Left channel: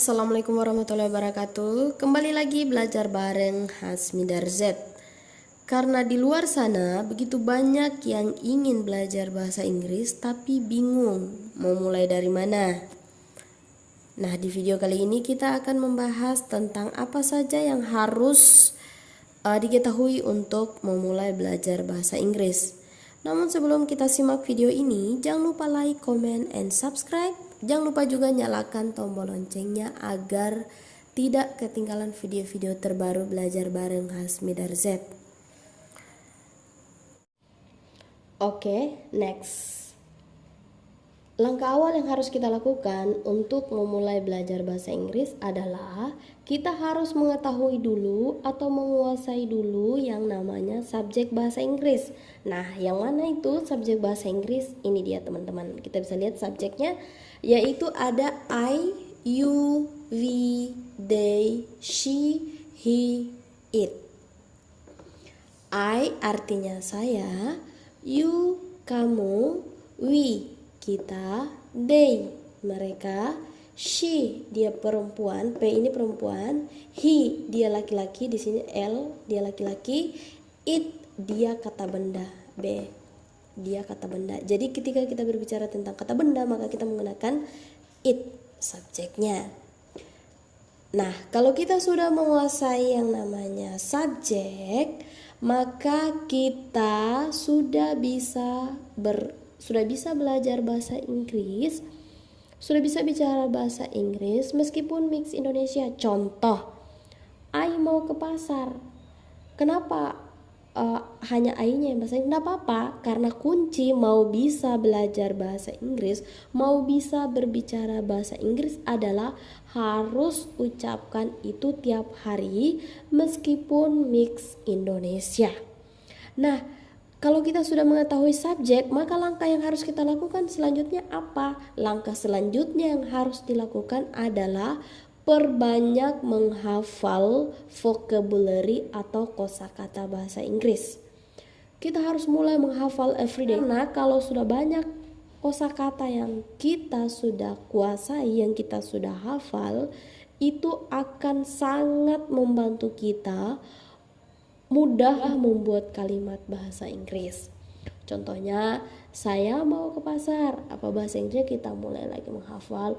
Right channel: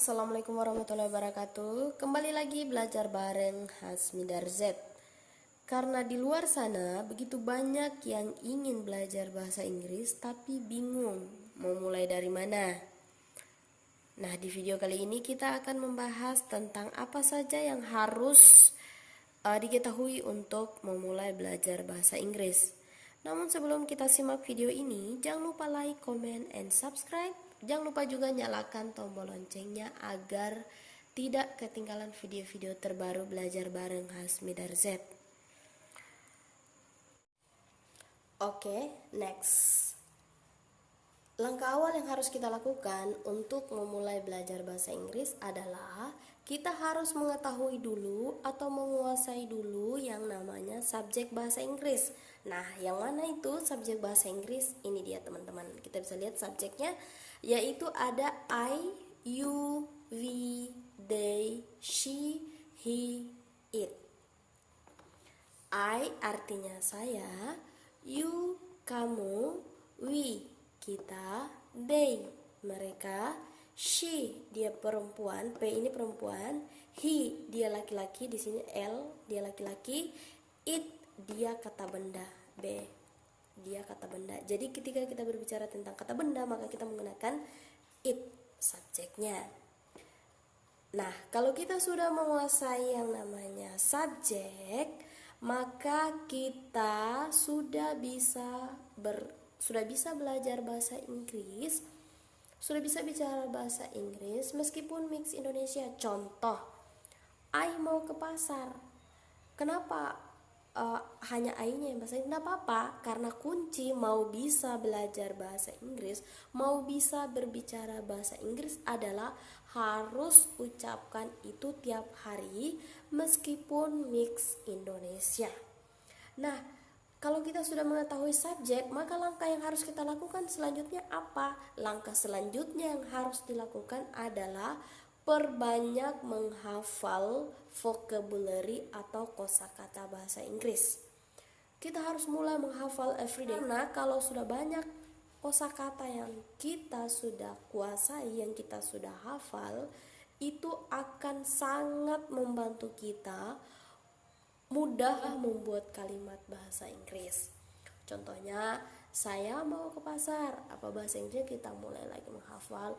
Assalamualaikum warahmatullahi wabarakatuh. Kembali lagi belajar bareng Hasmi Darzet. Karena di luar sana begitu banyak yang ingin belajar bahasa Inggris tapi bingung mau mulai dari mana. Nah, di video kali ini kita akan membahas tentang apa saja yang harus diketahui untuk memulai belajar bahasa Inggris. Namun sebelum kita simak video ini, jangan lupa like, comment, and subscribe. Jangan lupa juga nyalakan tombol loncengnya agar tidak ketinggalan video-video terbaru belajar bareng Hasmi Darzet. Oke, next. Langkah awal yang harus kita lakukan untuk memulai belajar bahasa Inggris adalah kita harus mengetahui dulu atau menguasai dulu yang namanya subjek bahasa Inggris. Nah, yang mana itu subjek bahasa Inggris? Ini dia teman-teman. Kita bisa lihat subjeknya, yaitu ada I, you, we, they, she, he, it. I artinya saya, you kamu, we kita, they mereka, she dia perempuan, p ini perempuan, he dia laki-laki, di sini l dia laki-laki, it dia kata benda, b dia kata benda. Jadi ketika kita berbicara tentang kata benda maka kita menggunakan it subjeknya. Nah, kalau kita sudah menguasai yang namanya subjek, maka kita sudah bisa belajar bahasa Inggris, sudah bisa bicara bahasa Inggris meskipun mix Indonesia. Contoh, I mau ke pasar. Kenapa hanya I-nya yang bahasa Inggris? Nggak apa-apa, karena kunci mau bisa belajar bahasa Inggris, mau bisa berbicara bahasa Inggris adalah harus ucapkan itu tiap hari meskipun mix Indonesia. Nah, kalau kita sudah mengetahui subjek, maka langkah yang harus kita lakukan selanjutnya apa? Langkah selanjutnya yang harus dilakukan adalah perbanyak menghafal vocabulary atau kosakata bahasa Inggris. Kita harus mulai menghafal everyday. Karena kalau sudah banyak kosakata yang kita sudah kuasai, yang kita sudah hafal, itu akan sangat membantu kita mudah membuat kalimat bahasa Inggris. Contohnya, saya mau ke pasar. Apa bahasa Inggrisnya? Kita mulai lagi menghafal.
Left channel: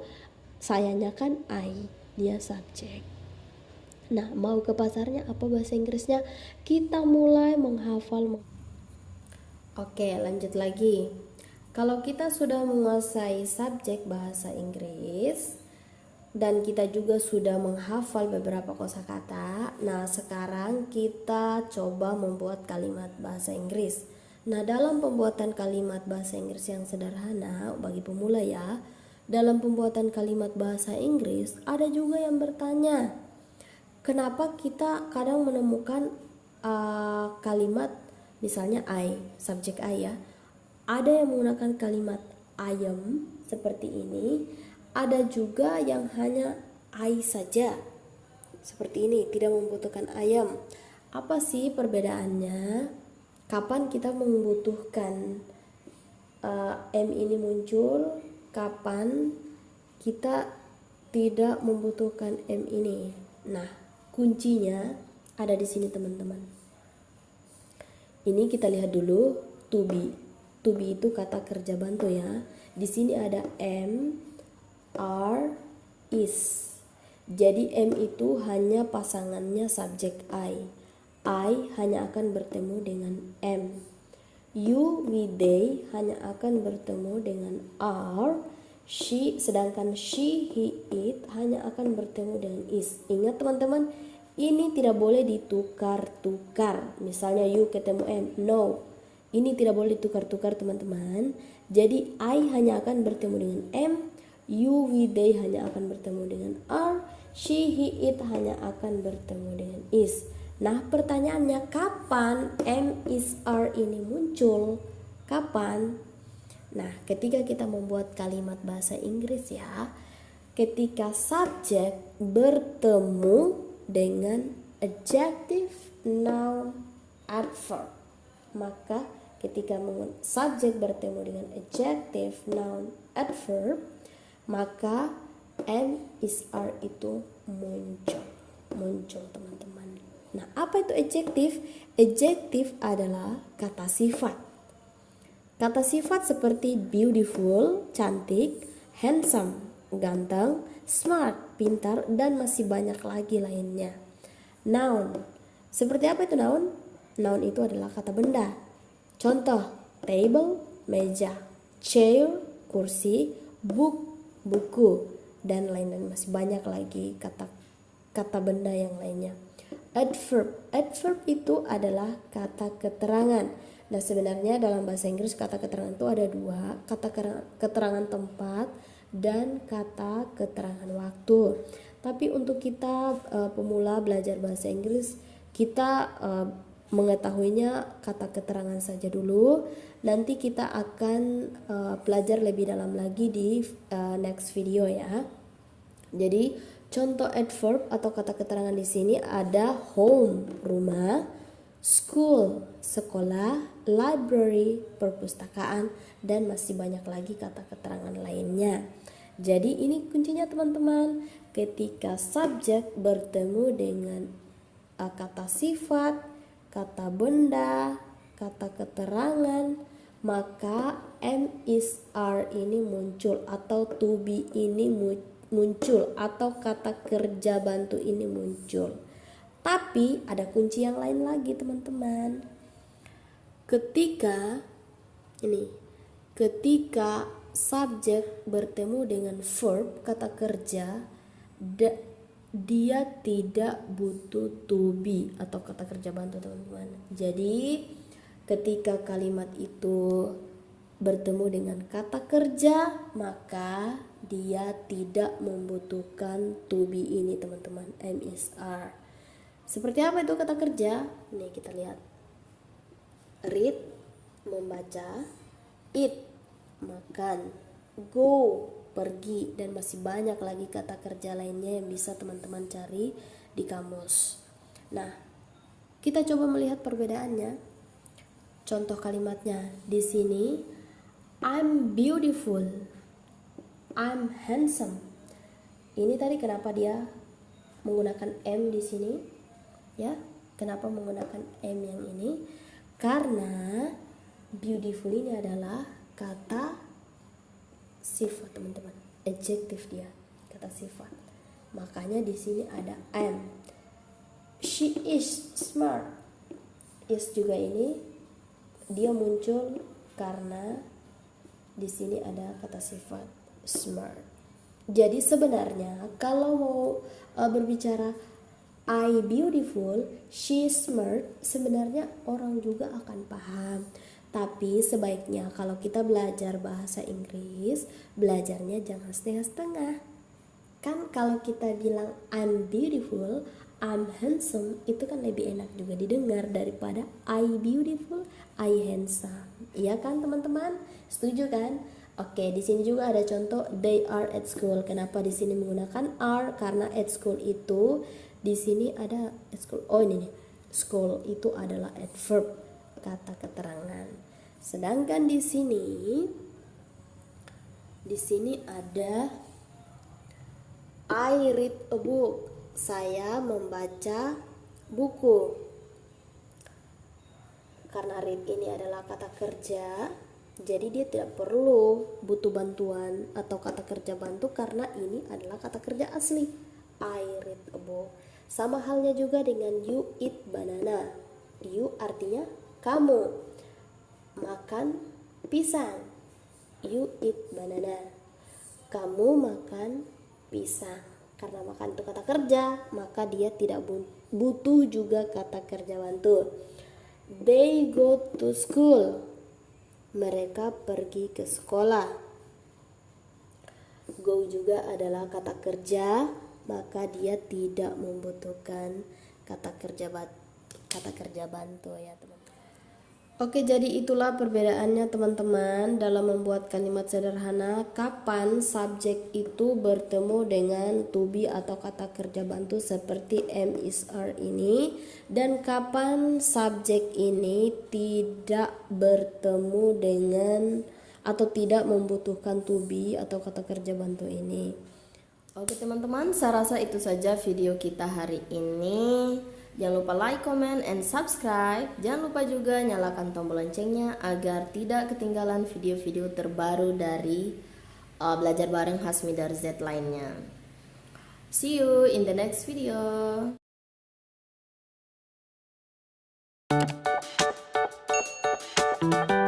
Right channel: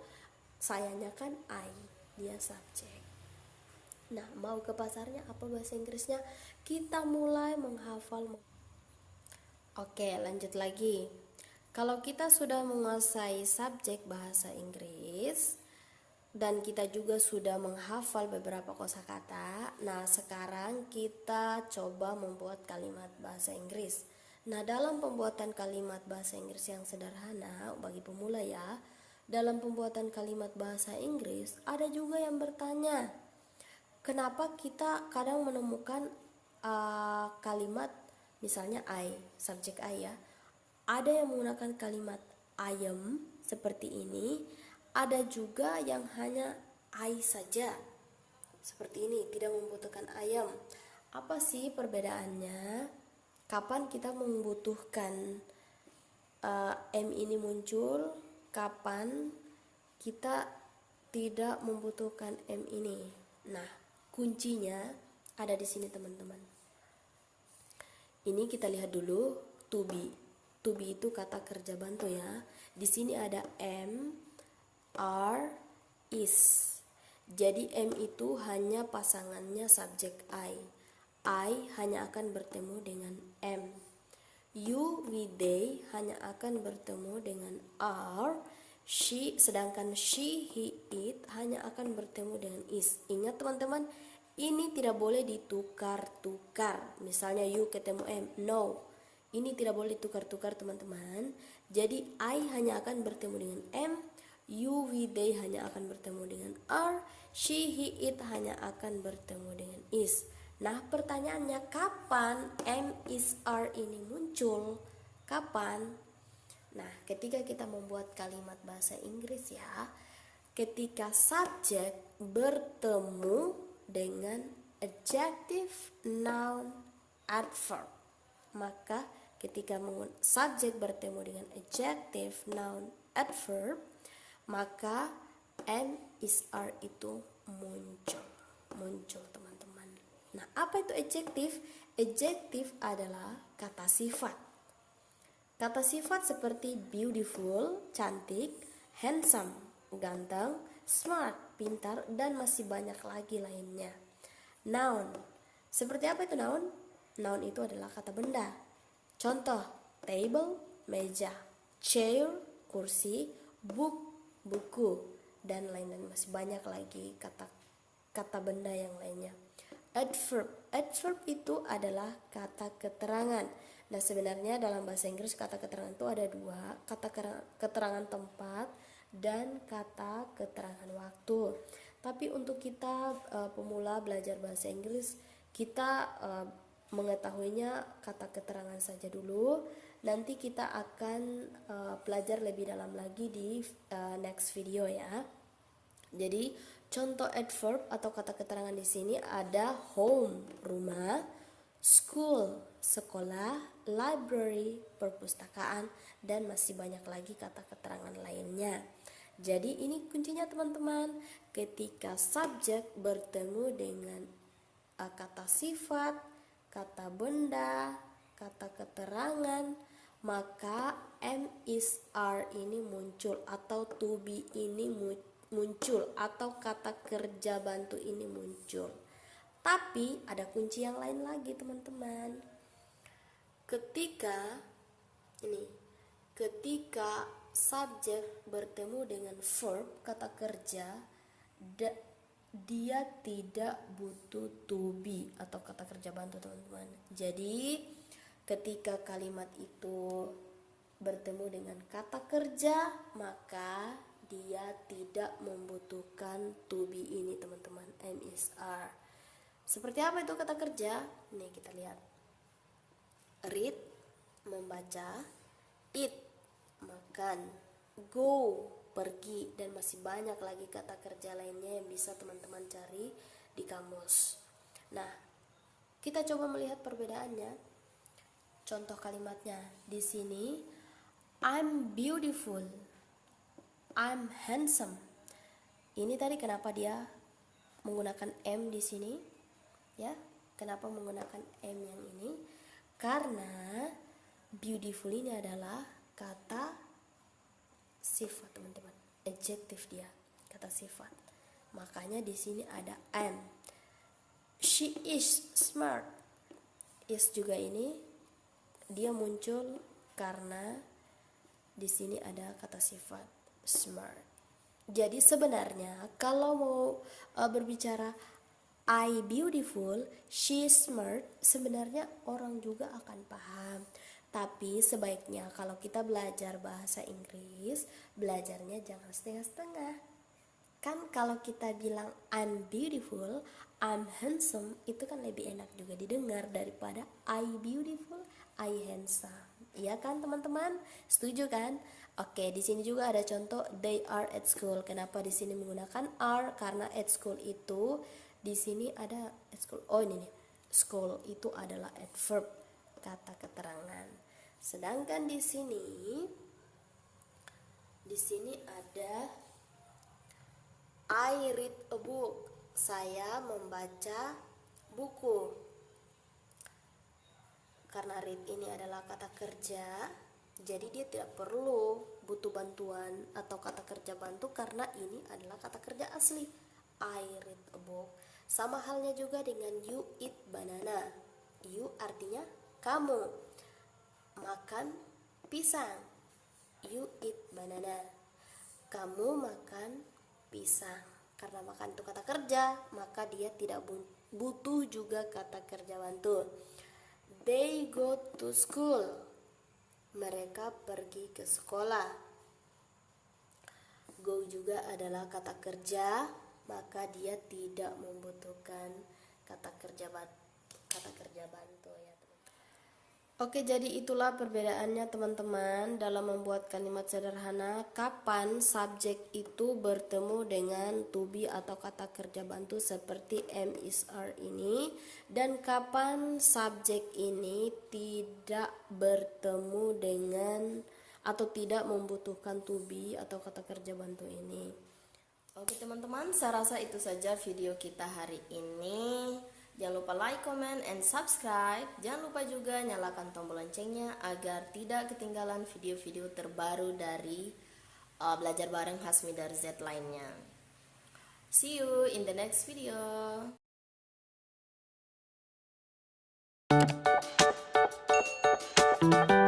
Sayanya kan I, dia subjek. Nah, mau ke pasarnya apa bahasa Inggrisnya? Kita mulai menghafal. Oke, lanjut lagi. Kalau kita sudah menguasai subjek bahasa Inggris dan kita juga sudah menghafal beberapa kosakata, nah sekarang kita coba membuat kalimat bahasa Inggris. Nah, dalam pembuatan kalimat bahasa Inggris yang sederhana bagi pemula ya, dalam pembuatan kalimat bahasa Inggris ada juga yang bertanya, kenapa kita kadang menemukan kalimat misalnya I, subjek I ya, ada yang menggunakan kalimat ayam seperti ini, ada juga yang hanya I saja seperti ini, tidak membutuhkan ayam. Apa sih perbedaannya? Kapan kita membutuhkan M ini muncul, kapan kita tidak membutuhkan M ini? Nah, kuncinya ada di sini teman-teman. Ini kita lihat dulu to be. To be itu kata kerja bantu ya. Di sini ada am, are, is. Jadi am itu hanya pasangannya subjek I. I hanya akan bertemu dengan am. You, we, they hanya akan bertemu dengan are. She, sedangkan she, he, it hanya akan bertemu dengan is. Ingat teman-teman, ini tidak boleh ditukar-tukar. Misalnya you ketemu am, no. Ini tidak boleh ditukar-tukar teman-teman. Jadi I hanya akan bertemu dengan am, you, we, they hanya akan bertemu dengan are, she, he, it hanya akan bertemu dengan is. Nah, pertanyaannya kapan am, is, are ini muncul? Kapan? Nah, ketika kita membuat kalimat bahasa Inggris ya, ketika subjek bertemu dengan adjective, noun, adverb, maka ketika subjek bertemu dengan adjective, noun, adverb, maka am is are itu muncul teman-teman. Nah, apa itu adjektif? Adjektif adalah kata sifat. Kata sifat seperti beautiful, cantik, handsome, ganteng, smart, pintar, dan masih banyak lagi lainnya. Noun. Seperti apa itu noun? Noun itu adalah kata benda. Contoh, table, meja, chair, kursi, book, buku, dan lain-lain, masih banyak lagi kata benda yang lainnya. Adverb. Adverb itu adalah kata keterangan. Nah, sebenarnya dalam bahasa Inggris kata keterangan itu ada dua, kata keterangan tempat dan kata keterangan waktu. Tapi untuk kita pemula belajar bahasa Inggris, kita mengetahuinya kata keterangan saja dulu. Nanti kita akan belajar lebih dalam lagi di next video ya. Jadi contoh adverb atau kata keterangan di sini ada home, rumah, school, sekolah, library, perpustakaan, dan masih banyak lagi kata keterangan lainnya. Jadi ini kuncinya teman-teman, ketika subjek bertemu dengan kata sifat, kata benda, kata keterangan, maka am is are ini muncul atau to be ini muncul atau kata kerja bantu ini muncul. Tapi ada kunci yang lain lagi teman-teman. Ketika subjek bertemu dengan verb kata kerja, dia tidak butuh to be atau kata kerja bantu teman-teman. Jadi ketika kalimat itu bertemu dengan kata kerja, maka dia tidak membutuhkan to be ini teman-teman, am is are. Seperti apa itu kata kerja? Nih kita lihat. Read, membaca, eat, makan, go, pergi, dan masih banyak lagi kata kerja lainnya yang bisa teman-teman cari di kamus. Nah, kita coba melihat perbedaannya. Contoh kalimatnya di sini, I'm beautiful, I'm handsome. Ini tadi kenapa dia menggunakan am di sini? Ya, kenapa menggunakan am yang ini? Karena beautiful ini adalah kata sifat teman-teman, adjektif dia, kata sifat. Makanya di sini ada am. She is smart. Is juga ini dia muncul karena di sini ada kata sifat smart. Jadi sebenarnya kalau mau berbicara I beautiful, she smart, sebenarnya orang juga akan paham. Tapi sebaiknya kalau kita belajar bahasa Inggris, belajarnya jangan setengah-setengah. Kan kalau kita bilang I'm beautiful, I'm handsome, itu kan lebih enak juga didengar daripada I beautiful, I handsome. Iya kan teman-teman? Setuju kan? Oke, di sini juga ada contoh they are at school. Kenapa di sini menggunakan are? Karena at school itu di sini ada at school. Oh ini nih. School itu adalah adverb, kata keterangan. Sedangkan di sini ada I read a book. Saya membaca buku. Karena read ini adalah kata kerja, jadi dia tidak perlu butuh bantuan atau kata kerja bantu karena ini adalah kata kerja asli. I read a book. Sama halnya juga dengan you eat banana. You artinya kamu makan pisang. You eat banana. Kamu makan pisang. Karena makan itu kata kerja, maka dia tidak butuh juga kata kerja bantu. They go to school. Mereka pergi ke sekolah. Go juga adalah kata kerja, maka dia tidak membutuhkan kata kerja bantu ya teman-teman. Oke, jadi itulah perbedaannya teman-teman dalam membuat kalimat sederhana. Kapan subjek itu bertemu dengan to be atau kata kerja bantu seperti am, is, are ini, dan kapan subjek ini tidak bertemu dengan atau tidak membutuhkan to be atau kata kerja bantu ini. Oke teman-teman, saya rasa itu saja video kita hari ini. Jangan lupa like, comment, and subscribe. Jangan lupa juga nyalakan tombol loncengnya agar tidak ketinggalan video-video terbaru dari Belajar Bareng Hasmi dari Z lainnya. See you in the next video.